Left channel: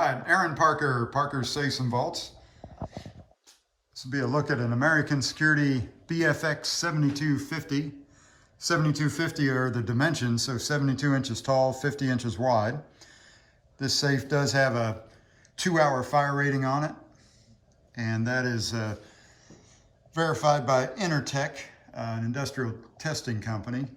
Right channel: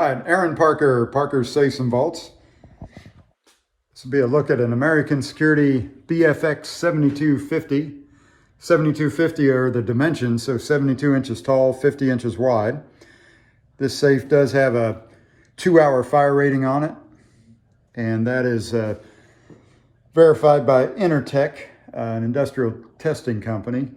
right, Aaron Parker, Parker's Safes and Vaults. This will be a look at an American Security BFX 7250. 7250 are the dimensions, so 72 inches tall, 50 inches wide. This safe does have a 2-hour fire rating on it, and that is verified by Intertech, an industrial testing company.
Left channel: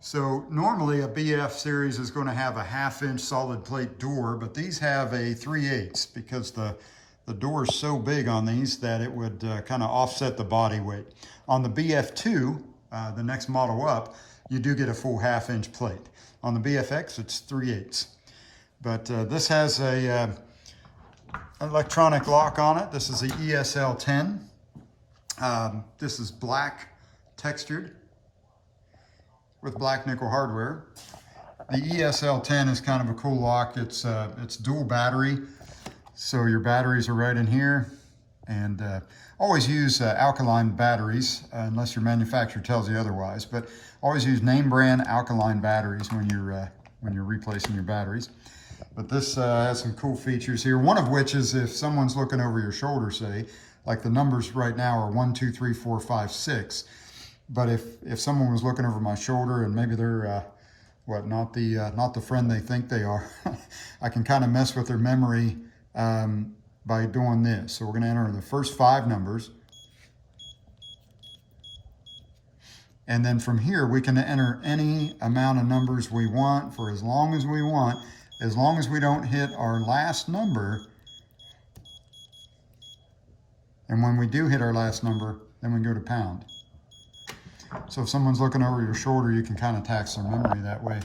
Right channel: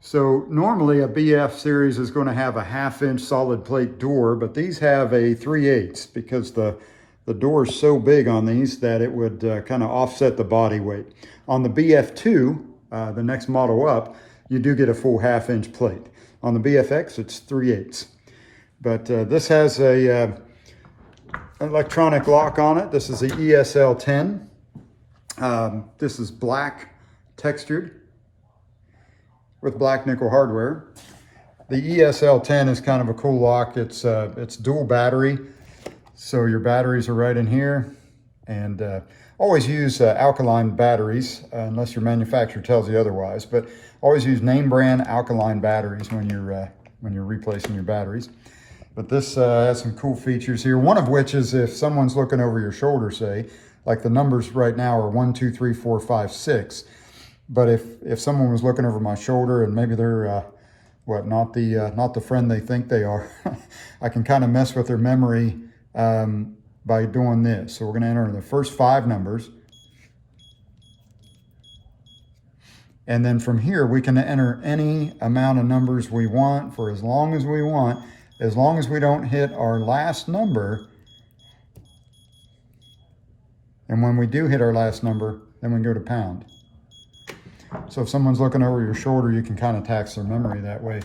So normally a BF series is going to have a 1/2-inch solid plate door, but these have a 3/8 because the door is so big on these that it would kind of offset the body weight. On the BF2, the next model up, you do get a full 1/2-inch plate. On the BFX, it's 3/8. But this has a electronic lock on it. This is the ESL10. This is black textured with black nickel hardware. The ESL10 is kind of a cool lock. It's dual battery, so your batteries are right in here. And always use alkaline batteries unless your manufacturer tells you otherwise. But always use name brand alkaline batteries when you're replacing your batteries. But this has some cool features here. One of which is if someone's looking over your shoulder, say, like the numbers right now are 1, 2, 3, 4, 5, 6. But if someone was looking over my shoulder and maybe they're not the friend they think they are, I can kind of mess with their memory by doing this. So we're going to enter the first 5 numbers, and then from here we can enter any amount of numbers we want for as long as we want, as long as we don't hit our last number. And when we do hit our last number, then we go to pound. So if someone's looking over your shoulder, you can kind of tax their memory that way.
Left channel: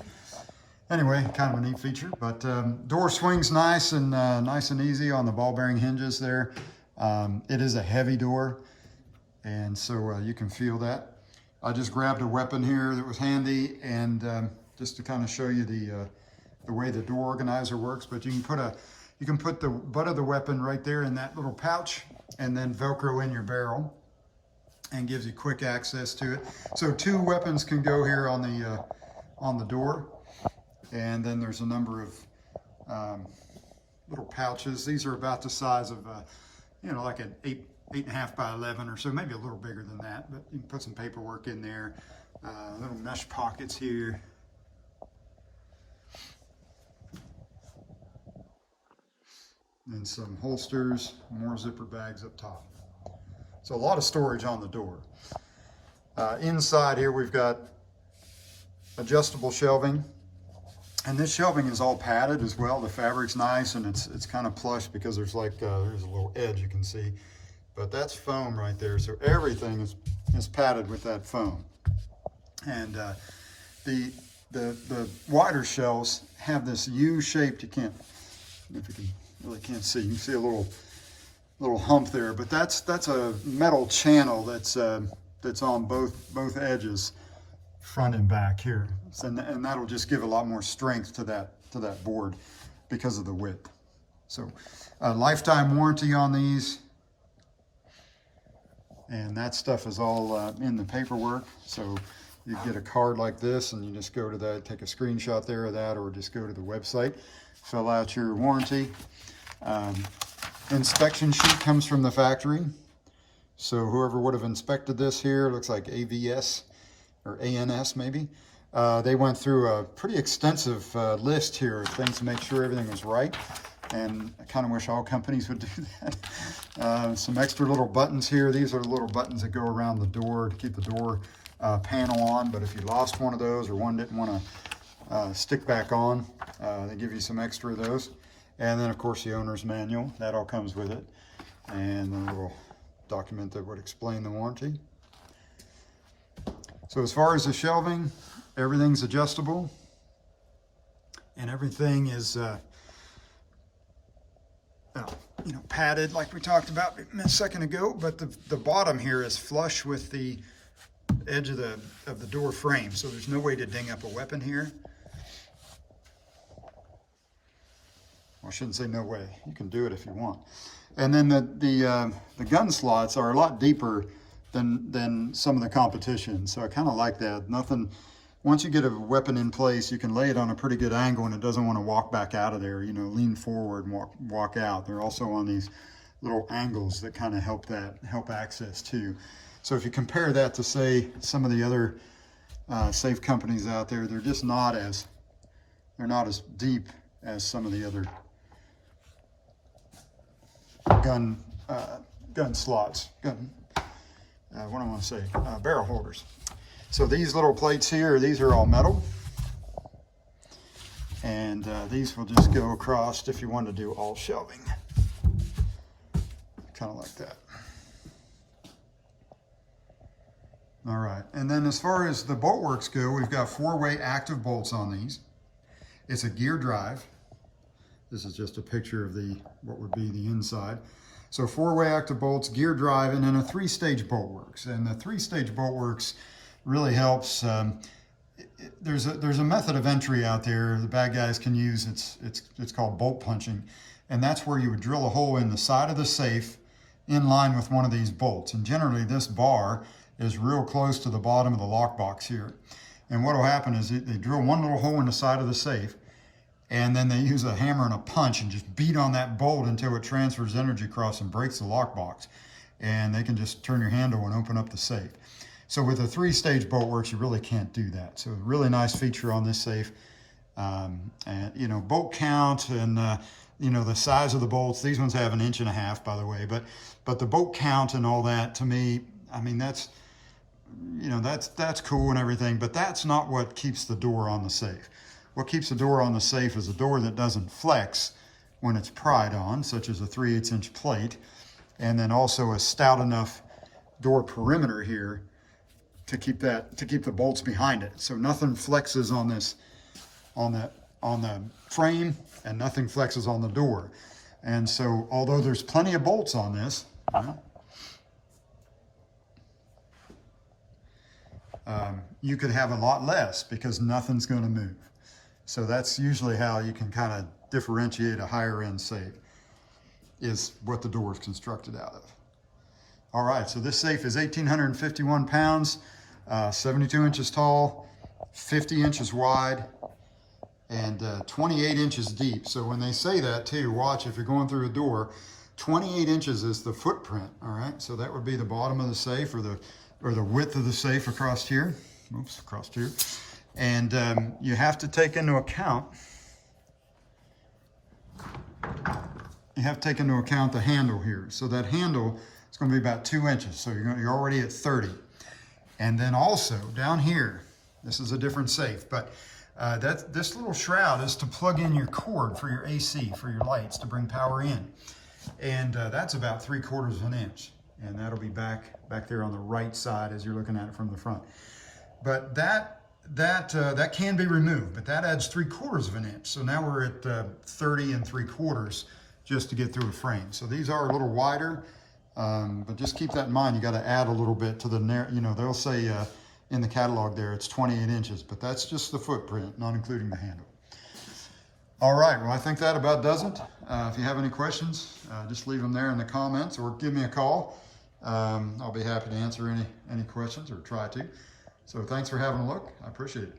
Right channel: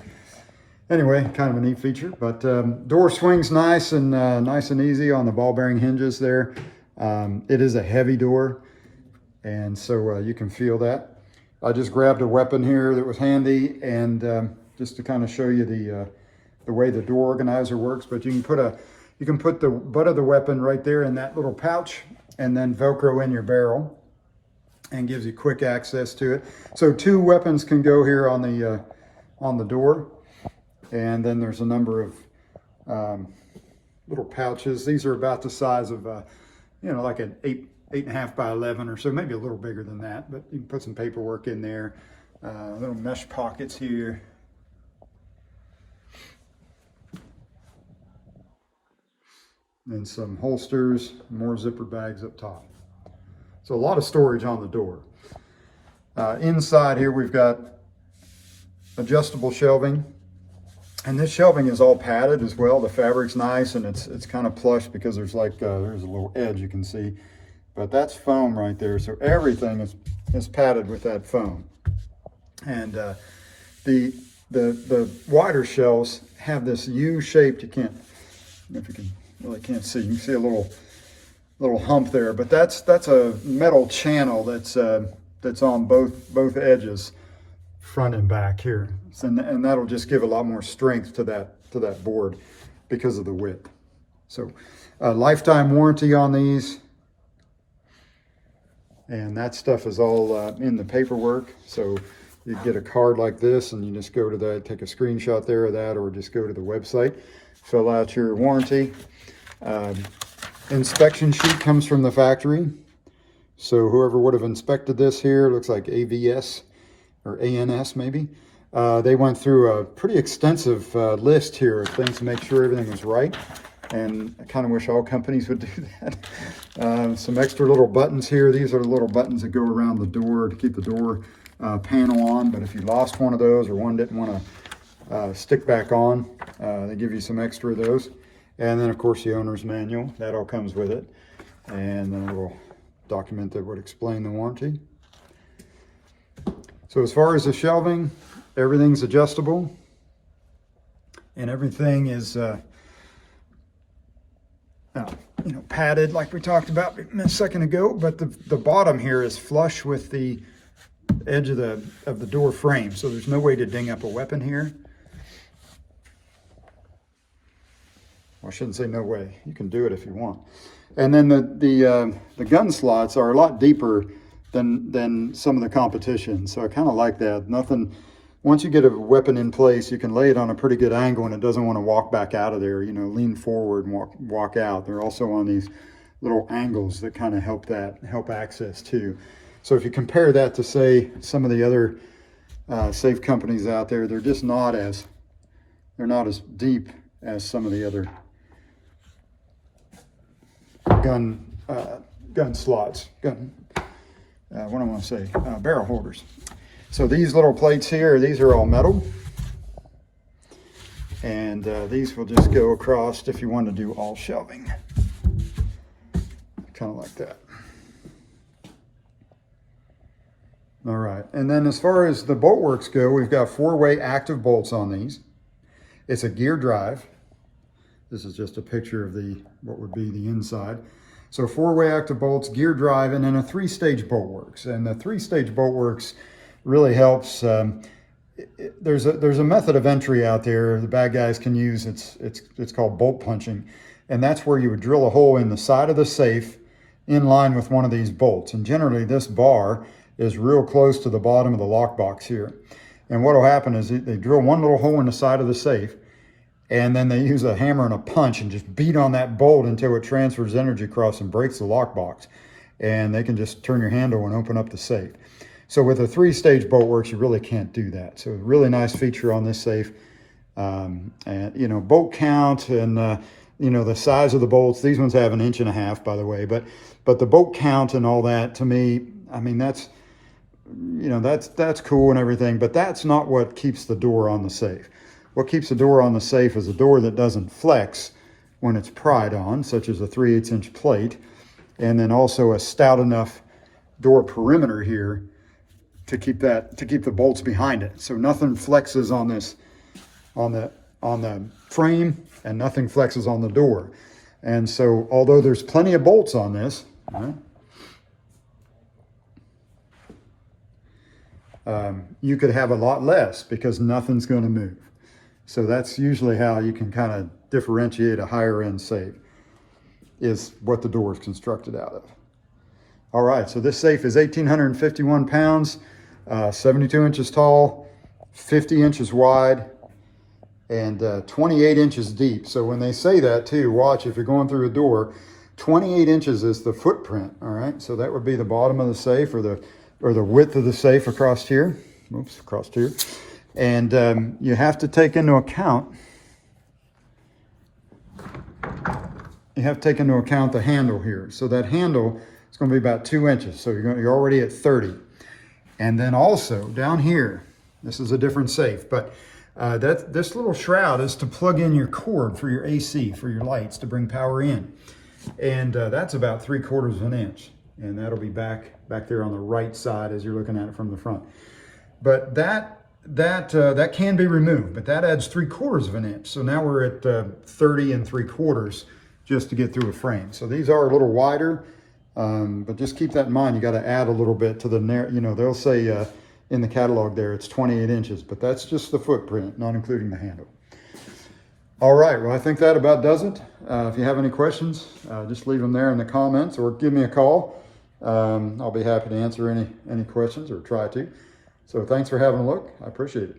Anyway, kind of a neat feature. But door swings nice and easy on the ball bearing hinges there. It is a heavy door, and so you can feel that. I just grabbed a weapon here that was handy, and just to kind of show you the way the door organizer works. But you can put the butt of the weapon right there in that little pouch, and then Velcro in your barrel, and gives you quick access to it. So 2 weapons can go here on the door, and then there's a number of little pouches. These are about the size of like an 8.5 by 11 or so, maybe a little bigger than that. But you can put some paperwork in there. Little mesh pockets here. And some holsters, more zipper bags up top. So a lot of storage on the door. Inside here we've got adjustable shelving, and this shelving is all padded as well. The fabric's nice, and it's kind of plush because there's there's a little edge you can see, but that's foam right there. So everything is padded with that foam. And the wider shelves have this U-shaped. You can't, if you can really can't see. You can see a little hump there, but that's a metal channel that's on both edges, front and back here, and that'll just give a lot more strength to that board because of the width. So lifetime warranty on these, and that stuff is all in the paperwork. So you get a card like this, and you just go to that, take a screenshot there of that, or just go to the website, fill out your warranty. Inspection sheet comes from the factory. So whoever would have inspected this here, looks like AVS or ANS maybe. They went through a pretty extensive list here of things to make sure everything was right. And I kind of wish all companies would do that. Some extra little buttons here. These are the little buttons that go around the door to keep the door panel on. But if you lost one of those, or one didn't want to stick back on, they give you some extra of those. And then of course the owner's manual, that all comes with it. And then a little document that would explain the warranty. So as far as the shelving, everything's adjustable, and everything is padded like we talked about a second ago. But the bottom here is flush with the edge of the door frame, so there's no way to ding up a weapon here. Well, I shouldn't say no way. You can do it if you want. And then the gun slots are a lot deeper than some of the competition, so I kind of like that. Nothing once you get a weapon in place, you can lay it on a pretty good angle and it doesn't want to walk back out of there, you know, lean forward and walk out. They're also on these little angles that kind of help access too. So if you compare that to, say, some of the other safe companies out there, they're just not as, they're not as deep as some of the other gun slots, what do I want to say, barrel holders. So these little plates here, these are all metal. And these will just go across if you want to do all shelving. Kind of like that. All right, and then as far as the bolt works go, we've got 4-way active bolts on these. It's a gear drive. This is just a picture of what would be the inside. So 4-way active bolts, gear drive, and then a 3-stage bolt works. And the 3-stage bolt works really helps. There's a method of entry out there the bad guys can use. It's called bolt punching, and that's where you would drill a hole in the side of the safe in line with one of these bolts. And generally this bar is real close to the bottom of the lockbox here. And what will happen is they drill one little hole in the side of the safe, and then they use a hammer and a punch and just beat on that bolt until it transfers energy across and breaks the lockbox. And they can just turn your handle and open up the safe. So with a 3-stage bolt works, you really can't do that. So a really nice feature on this safe. And you know, bolt count and you know, the size of the bolts. These ones have 1.5 inches, by the way. But the bolt count and all that, to me, I mean, that's, you know, that's cool and everything, but that's not what keeps the door on the safe. What keeps the door on the safe is a door that doesn't flex when it's pried on, such as a 3/8 inch plate, and then also a stout enough door perimeter here to keep the bolts behind it. So nothing flexes on this, on the frame, and nothing flexes on the door. And so although there's plenty of bolts on this, you could have a lot less because nothing's going to move. So that's usually how you can kind of differentiate a higher end safe, is what the door is constructed out of. All right, so this safe is 1,851 pounds, 72 inches tall, 50 inches wide, and 28 inches deep. So when they say that too, watch, if you're going through a door, 28 inches is the footprint, all right? So that would be the bottom of the safe, or the width of the safe across here. Oops, across here. And you have to take into account, the handle here. So that handle is going to be about 2 inches. So you're already at 30. And then also down here, this is a different safe, but this little shroud is to plug in your cord for your AC, for your lights, to bring power in. And that's about 3/4 inch. And that'll be back there on the right side as you're looking at it from the front. But that can be removed, but that adds 3/4 inch. So now we're at 30 3/4 just to get through a frame. So these are a little wider, but just keep that in mind. You got to add a little bit to the, you know, they'll say in the catalog there it's 28 inches, but that's just the footprint, not including the handle. All right, well, I think that about does it. If you have any questions, just leave them there in the comments or give me a call. I'll be happy to answer any questions, or try to. So thanks for having a look. I appreciate it.